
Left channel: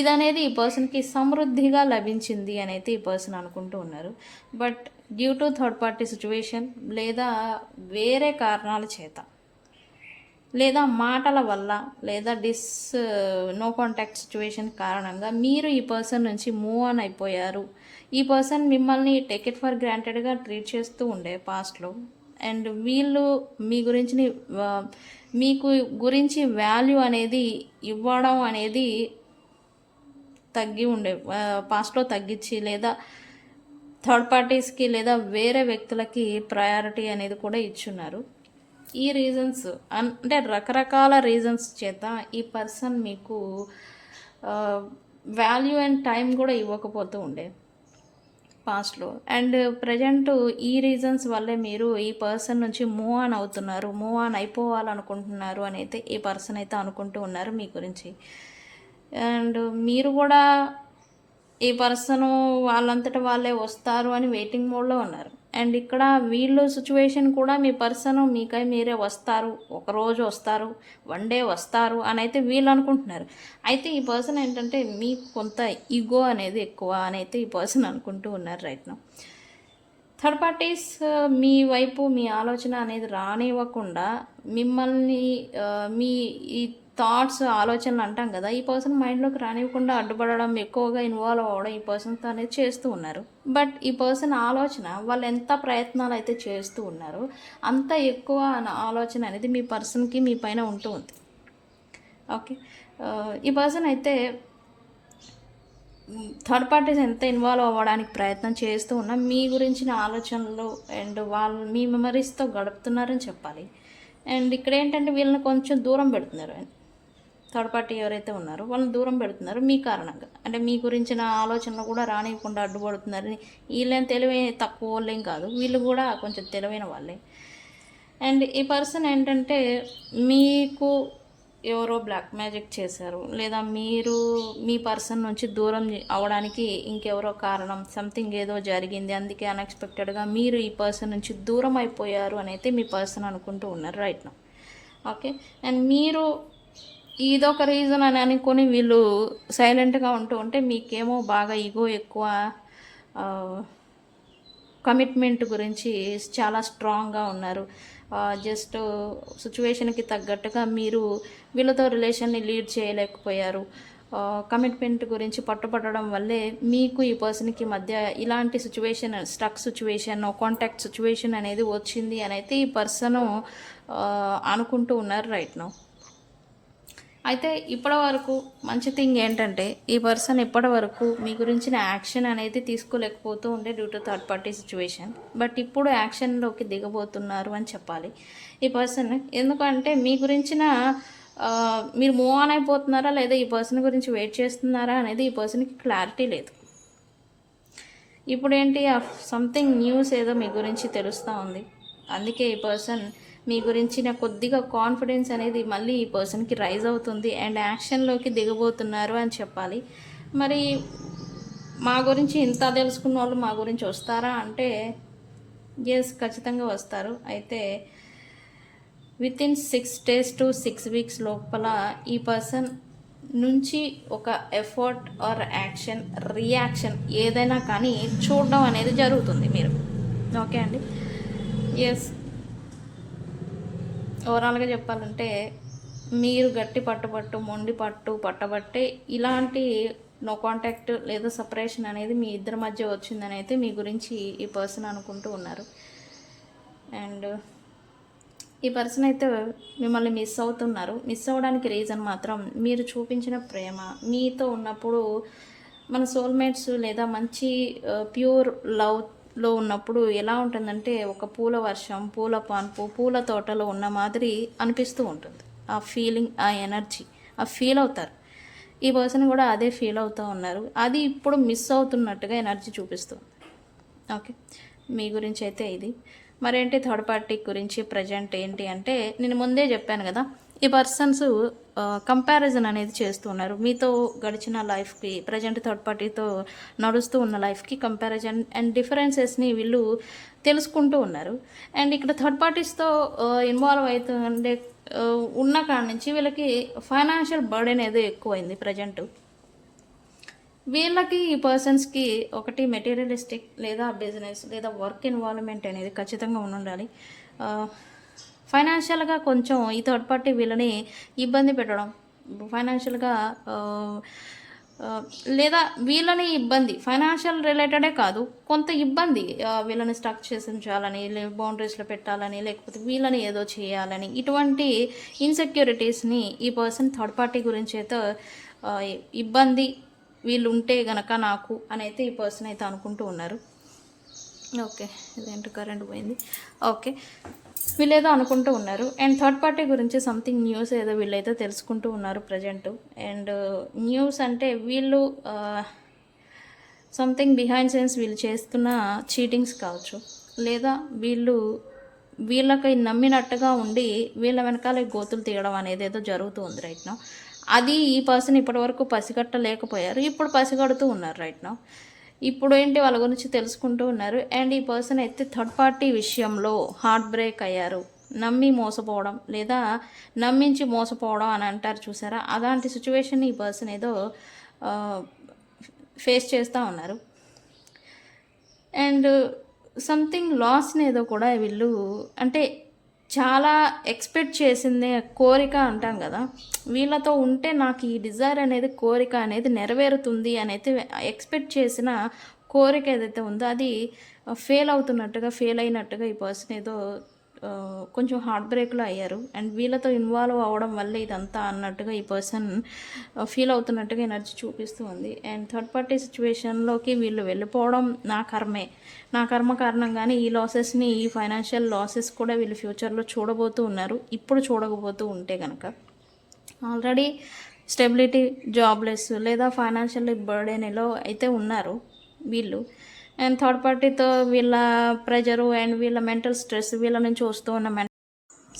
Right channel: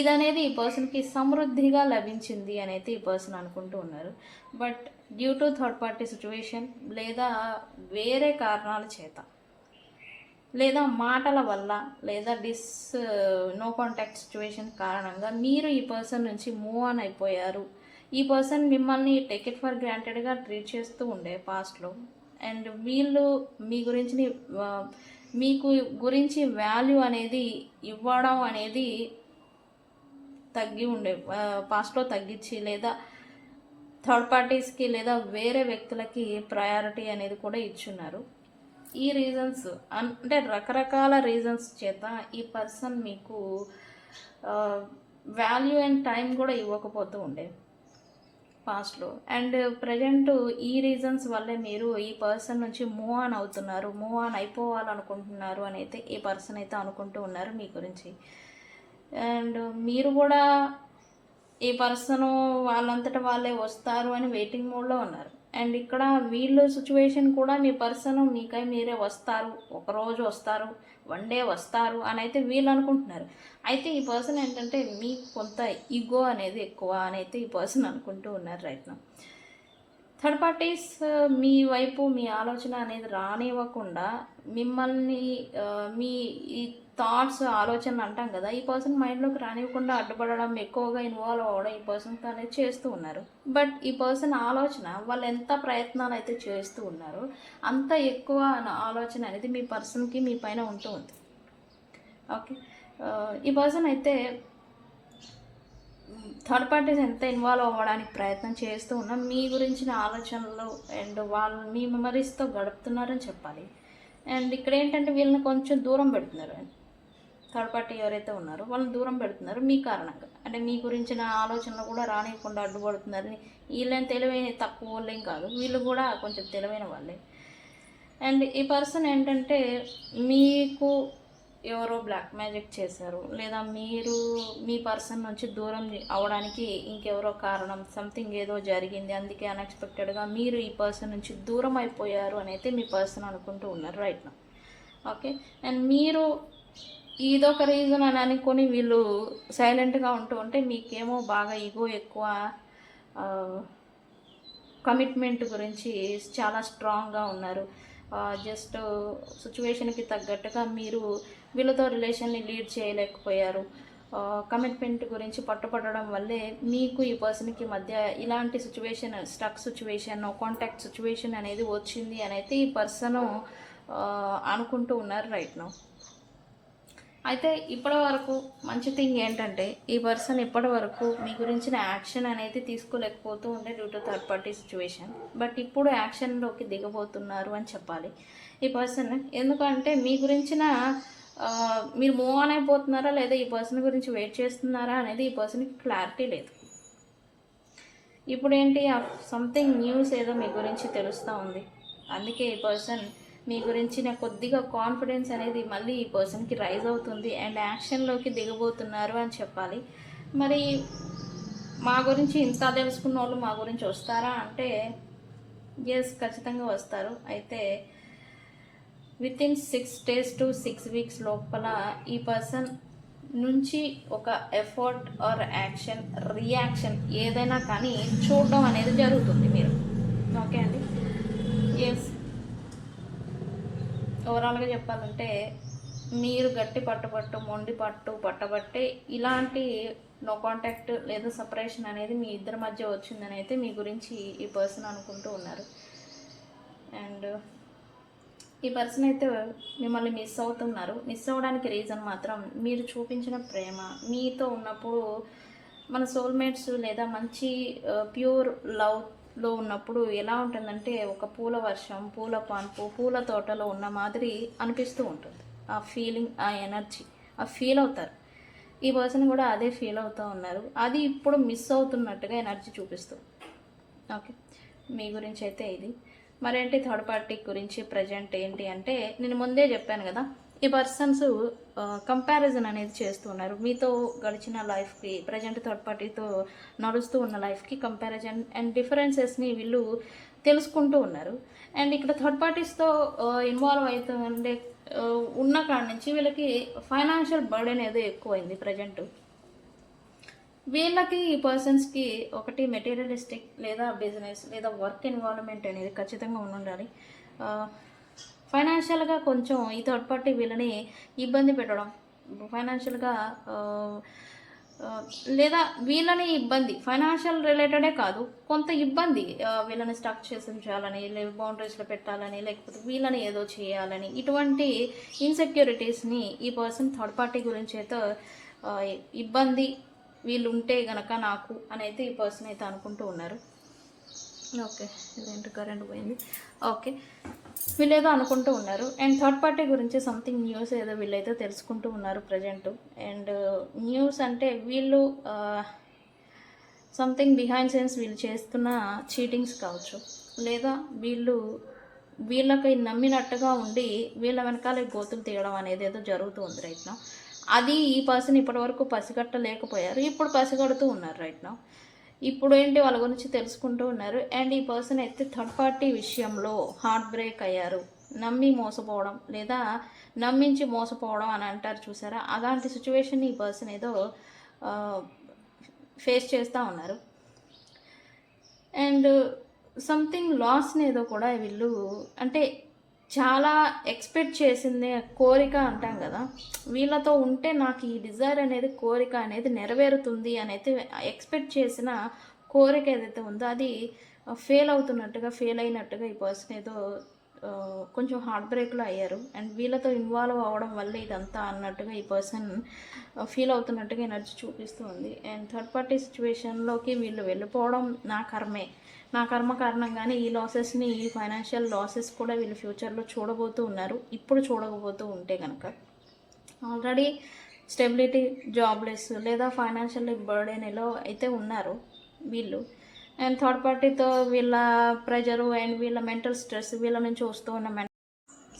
ఇదనేది ఈ పర్సన్కి సమృద్ధిగా లభించింది అనేది ఈ పర్సన్ అనుకుంటూ ఉన్నారు. But due to third party situation లేదా వేరే కారణాల చేత లేదా మాటల వల్ల లేదా నో కాంటాక్ట్ సిచ్యువేషన్ కారణంగా మీరు ఈ పర్సన్ నుంచి మూవ్ ఆన్ అయిపోయారు. ఈ పర్సన్ మిమ్మల్ని టేక్ ఇట్ ఫర్ గ్రాంటెడ్గా ట్రీట్ చేస్తూ ఉండే పాస్ట్లో. అండ్ వీళ్ళు మీ గురించి మీకు గురించి వాల్యూ అనేది ఇవ్వడం అనేది తగ్గి ఉండే, పాస్ట్లో తగ్గించి లేదా థర్డ్ పార్టీస్కి లేదా వేరే వ్యక్తులకి ప్రయారిటీ అనేది కూడా ఇచ్చున్నారు. ఈ రీజన్స్ అంటే రకరకాల రీజన్స్ చేత ఈ పర్సన్ మీకు వాల్యూ అండ్ టైం కూడా ఇవ్వకపోతూ ఉండే పాస్ట్లో. అండ్ ప్రజెంట్ ఈ రీజన్స్ వల్లే మీరు ఈ పర్సన్ నుంచి మూవ్ ఆన్ అవుతున్నారు, మూవ్ ఆన్ అయిపోవాలనుకుంటున్నారు అని అయితే ఈ పర్సన్ అయితే అనుకుంటూ ఉన్నారు మీ గురించి. అండ్ మీరు కూడా ఈ పర్సన్ వాళ్ళంతట వాళ్ళే వస్తారు అని వెయిటింగ్ మోడ్లో ఉన్నారు. అండ్ ఇక్కడ వీళ్ళు సిచ్యువేషన్ కూడా మీ పర్సన్ మీకై మీరే వస్తారు, ఒకరోజు వస్తారు, వన్ డే వస్తారు అని అయితే వీళ్ళు అనుకుంటున్నారు. అయితే ఈ పర్సన్ ఏంటంటే మీకు కొంత ఈగో అనేది ఎక్కువ అని అయితే ఈ పర్సన్ అనుకుంటూ ఉన్నారు రైట్ నౌ. థర్డ్ పార్టీస్ మీ వైపు మీ ఆలోచన అనేది రానివ్వకుండా మిమ్మల్ని మీ ఈ థాట్స్ ఆలోచనలు అంటాం కదా, ఈ పర్సన్ మైండ్లోకి రానివ్వకుండా అడ్డుపడడం, ఎక్కువగా ఇన్వాల్వ్ అవ్వడం ఈ పర్సన్తో అనేది చేస్తూ ఉన్నారు. బట్ ఈ పర్సన్ ఆలోచన వాళ్ళు ఎంత ప్రయత్నాలు అయితే చేస్తూ ఉన్నారో అంత ఎక్కువ ఆలోచన అనేది మీ పర్సన్కి మీ పైన ఉంటూ ఉంది. ఓకే, ఈ పర్సన్ అయితే థర్డ్ పార్టీస్ ఎంత ఇన్వాల్వ్ అవ్వడానికి ప్రయత్నం చేస్తూ ఉన్నా మీ గురించిన ఆలోచనలు అండ్ వాళ్ళు మీ మెమరీస్తో గడుపుతున్నారని చెప్పాలి. అండ్ ఇక్కడ ఏంటంటే వీళ్ళని కొంచెం దూరం పెడుతున్నారు. థర్డ్ పార్టీ ఎవరైతే ఉన్నారో వాళ్ళని దూరం పెడుతున్నారు మీ కారణంగా. అంటే మీ గురించిన ఆలోచనలు కూడా రానివ్వకుండా అడ్డుపడుతున్నారని. వీళ్ళేం తెలివైన తక్కువ వాళ్ళేం కాదు, వీళ్ళు కూడా కొంచెం తెలివైన వాళ్ళే. అండ్ ఈ పర్సన్ ఏంటంటే మీకు ఎవరో బ్లాక్ మ్యాజిక్ చేశారు, లేదా మీరు మీ పర్సన్ నుంచి దూరం అవడానికి ఇంకెవరో కారణం, సంథింగ్ ఏదో జరిగింది, అందుకే అన్ఎక్స్పెక్టెడ్గా మీరు ఈ పర్సన్ నుంచి దూరం అయిపోయారు అని అయితే మీ పర్సన్ అనుకుంటూ ఉన్నారు రైట్ నౌ. ఓకే, అండ్ మీరు ఇదొక రీజన్ అని అనుకొని వీళ్ళు సైలెంట్గా ఉంటూ ఉంటే మీకేమో బాగా ఈగో ఎక్కువ, కమిట్మెంట్ గురించి చాలా స్ట్రాంగ్గా ఉన్నారు. జస్ట్ సిచ్యువేషన్కి తగ్గట్టుగా మీరు వీళ్ళతో రిలేషన్ని లీడ్ చేయలేకపోయారు. కమిట్మెంట్ గురించి పట్టుపట్టడం వల్లే మీకు ఈ పర్సన్కి మధ్య ఇలాంటి situation, stuck situation, contact situation అనేది వచ్చింది అని అయితే ఈ పర్సన్ అనుకుంటూ ఉన్నారు రైట్ నౌ. అయితే ఇప్పటి వరకు మంచి థింగ్ ఏంటంటే ఈ పర్సన్ ఇప్పటి వరకు మీ గురించిన యాక్షన్ అనేది తీసుకోలేకపోతూ ఉంటే due to third party situation. But ఇప్పుడు యాక్షన్లోకి దిగబోతున్నారు అని చెప్పాలి ఈ పర్సన్. ఎందుకంటే మీ గురించిన మీరు మూవ్ ఆన్ అయిపోతున్నారా లేదా ఈ పర్సన్ గురించి వెయిట్ చేస్తున్నారా అనేది ఈ పర్సన్కి క్లారిటీ లేదు. ఇప్పుడు ఏంటి, సంథింగ్ న్యూస్ ఏదో మీ గురించి తెలుస్తూ ఉంది. అందుకే ఈ పర్సన్ మీ గురించిన కొద్దిగా కాన్ఫిడెన్స్ అనేది మళ్ళీ ఈ పర్సన్కి రైజ్ అవుతుంది అండ్ యాక్షన్లోకి దిగబోతున్నారు అని చెప్పాలి. మరి మా గురించి ఇంత తెలుసుకున్న వాళ్ళు మా గురించి వస్తారా అంటే ఎస్, ఖచ్చితంగా వస్తారు. అయితే వితిన్ 6 days to 6 weeks లోపల ఈ పర్సన్ నుంచి ఒక ఎఫర్ట్ ఆర్ యాక్షన్, రియాక్షన్ ఏదైనా కానీ చూడడం అనేది జరుగుతుంది మీరు. ఓకే అండి, ఎస్, ఓవరాల్గా చెప్పాలంటే మీరు గట్టి మొండి పట్టబట్టే ఇలాంటి నో కాంటాక్ట్ లేదా సపరేషన్ అనేది మీ ఇద్దరి మధ్య వచ్చిందని అయితే మీ గురించి ఈ పర్సన్ అనుకుంటూ ఉన్నారు. అండ్ ఈ పర్సన్ అయితే మిమ్మల్ని మిస్ అవుతున్నారు. మిస్ అవ్వడానికి రీజన్ మాత్రం మీరు చూపించిన ప్రేమ. మీతో ఉన్నప్పుడు మన సోల్మేట్స్ లేదా మంచి ప్యూర్ లవ్లో ఉన్నప్పుడు ఎలా ఉంటుందంటే ఒక పూల వర్షం, పూల పాన్పు, పూల తోటలో ఉన్న మాదిరి అనిపిస్తూ ఉంటుంది. ఆ ఫీలింగ్, ఆ ఎనర్జీ, ఆ ఫీల్ అవుతారు. ఈ పర్సన్ కూడా అదే ఫీల్ అవుతూ ఉన్నారు. అది ఇప్పుడు మిస్ అవుతున్నట్టుగా ఎనర్జీ చూపిస్తుంది. ఓకే, మీ గురించి అయితే ఇది. మరేంటి థర్డ్ పార్టీ గురించి ప్రజెంట్ ఏంటి అంటే నేను ముందే చెప్పాను కదా, ఈ పర్సన్స్ కంపారిజన్ అనేది చేస్తూ ఉన్నారు. మీతో గడిచిన లైఫ్కి ప్రజెంట్ థర్డ్ పార్టీతో నడుస్తూ ఉన్న లైఫ్కి కంపారిజన్ అండ్ డిఫరెన్సెస్ని వీళ్ళు తెలుసుకుంటూ ఉన్నారు. అండ్ ఇక్కడ థర్డ్ పార్టీస్తో ఇన్వాల్వ్ అవుతుందంటే ఉన్న కాడి నుంచి వీళ్ళకి ఫైనాన్షియల్ బర్డెన్ ఏదో ఎక్కువైంది ప్రజెంట్. వీళ్ళకి ఈ పర్సన్స్కి ఒకటి మెటీరియలిస్టిక్ లేదా బిజినెస్ లేదా వర్క్ ఇన్వాల్వ్మెంట్ అనేది ఖచ్చితంగా ఉండాలి. ఫైనాన్షియల్గా కొంచెం ఈ థర్డ్ పార్టీ వీళ్ళని ఇబ్బంది పెట్టడం, ఫైనాన్షియల్గా లేదా వీళ్ళని ఇబ్బంది, ఫైనాన్షియల్ రిలేటెడే కాదు, కొంత ఇబ్బంది, వీళ్ళని స్టక్ చేసి ఉంచాలని, బౌండరీస్లో పెట్టాలని, లేకపోతే వీళ్ళని ఏదో చేయాలని, ఇటువంటి ఇన్సెక్యూరిటీస్ని ఈ పర్సన్ థర్డ్ పార్టీ గురించి అయితే ఇబ్బంది వీళ్ళు ఉంటే గనక నాకు అని అయితే ఈ పర్సన్ అయితే అనుకుంటూ ఉన్నారు. ఓకే, ఇదేంటి కరెంట్ పోయింది. ఓకే, వీళ్ళు ఏదో అనుకుంటూ ఉన్నారు. అండ్ థర్డ్ పార్టీ గురించి సంథింగ్ న్యూస్ ఏదో వీళ్ళైతే తెలుసుకుంటూ ఉన్నారు ప్రజెంట్. అండ్ న్యూస్ అంటే వీళ్ళు సంథింగ్ బిహైండ్ సీన్స్ వీళ్ళు చేస్తున్న చీటింగ్స్ కావచ్చు, లేదా వీళ్ళకి నమ్మినట్టుగా ఉండి వీళ్ళ వెనకాల గోతులు తీయడం అనేది ఏదో జరుగుతూ ఉంది రైట్ నౌ. అది ఈ పర్సన్ ఇప్పటివరకు పసిగట్టలేకపోయారు, ఇప్పుడు పసిగడుతూ ఉన్నారు రైట్ నౌ. ఇప్పుడు ఏంటి వాళ్ళ గురించి తెలుసుకుంటూ ఉన్నారు. అండ్ ఈ పర్సన్ అయితే థర్డ్ పార్టీ విషయంలో హార్ట్ బ్రేక్ అయ్యారు, నమ్మి మోసపోవడం, లేదా నమ్మించి మోసపోవడం అని అంటారు చూసారా, అలాంటి సిచ్యువేషన్ ఈ పర్సన్ ఏదో ఫేస్ చేస్తూ ఉన్నారు. అండ్ సంథింగ్ లాస్ని ఏదో కూడా వీళ్ళు అంటే చాలా ఎక్స్పెక్ట్ చేసిందే కోరిక అంటాం కదా, వీళ్ళతో ఉంటే నాకు ఈ డిజైర్ అనేది కోరిక అనేది నెరవేరుతుంది అనేది ఎక్స్పెక్ట్ చేసిన కోరిక ఏదైతే ఉందో అది ఫెయిల్ అయినట్టుగా ఈ పర్సన్ ఏదో కొంచెం హార్ట్ బ్రేక్లో అయ్యారు. అండ్ వీళ్ళతో ఇన్వాల్వ్ అవ్వడం వల్ల ఇదంతా అన్నట్టుగా ఈ పర్సన్ ఫీల్ అవుతున్నట్టుగా ఎనర్జీ చూపిస్తూ ఉంది. అండ్ థర్డ్ పార్టీ సిచ్యువేషన్లోకి వీళ్ళు వెళ్ళిపోవడం నా కర్మ కారణంగానే ఈ లాసెస్ని, ఈ ఫైనాన్షియల్ లాసెస్ కూడా వీళ్ళు ఫ్యూచర్లో చూడబోతూ ఉన్నారు. ఇప్పుడు చూడకపోతూ ఉంటే కనుక ఆల్రెడీ స్టెబిలిటీ, జాబ్లెస్ లేదా ఫైనాన్షియల్ బర్డెన్లో అయితే ఉన్నారు వీళ్ళు. అండ్ థర్డ్ పార్టీతో వీళ్ళ ప్రెజరు అండ్ వీళ్ళ మెంటల్ స్ట్రెస్ వీళ్ళ నుంచి వస్తూ ఉన్న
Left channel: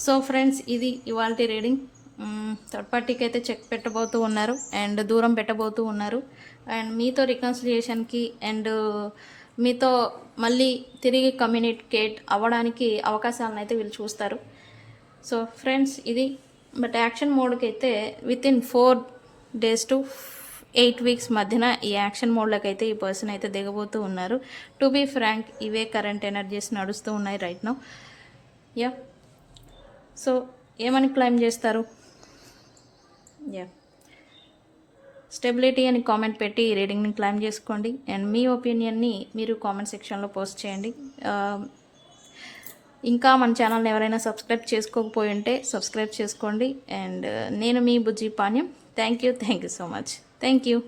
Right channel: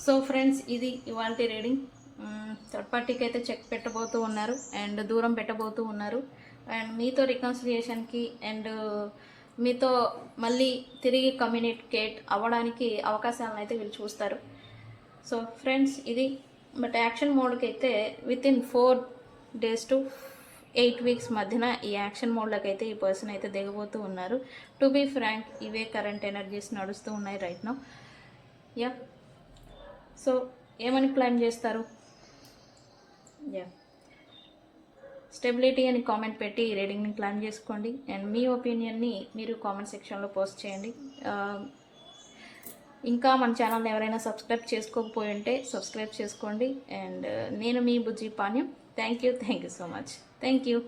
సో ఫ్రెండ్స్, ఇది ఇవాళ రీడింగ్. థర్డ్ పార్టీకి అయితే చెక్ పెట్టబోతూ ఉన్నారు అండ్ దూరం పెట్టబోతూ ఉన్నారు. అండ్ మీతో రికన్సిలియేషన్కి అండ్ మీతో మళ్ళీ తిరిగి కమ్యూనికేట్ అవ్వడానికి అవకాశాలను అయితే వీళ్ళు చూస్తారు. సో ఫ్రెండ్స్, ఇది బట్ యాక్షన్ మోడ్కి అయితే వితిన్ 4 days to 8 weeks మధ్యన ఈ యాక్షన్ మోడ్లోకి అయితే ఈ పర్సన్ అయితే దిగబోతూ ఉన్నారు. టు బీ ఫ్రాంక్, ఇవే కరెంట్ ఎనర్జీస్ నడుస్తూ ఉన్నాయి రైట్ నౌ. యా, సో ఏమని క్లైమ్ చేస్తారు? యా, స్టెబిలిటీ అని కామెంట్ పెట్టి ఈ రీడింగ్ని క్లైమ్ చేసుకోండి. అండ్ మీ ఒపీనియన్ని మీరు కామెంట్ సెక్షన్లో పోస్ట్ చేయండి. ఇంకా మన ఛానల్ని ఎవరైనా సబ్స్క్రైబ్ చేసుకోకపోయి ఉంటే సబ్స్క్రైబ్ చేసుకోండి. అండ్ నేను మీ Bujji Panyam. Thank you so much. Thank you.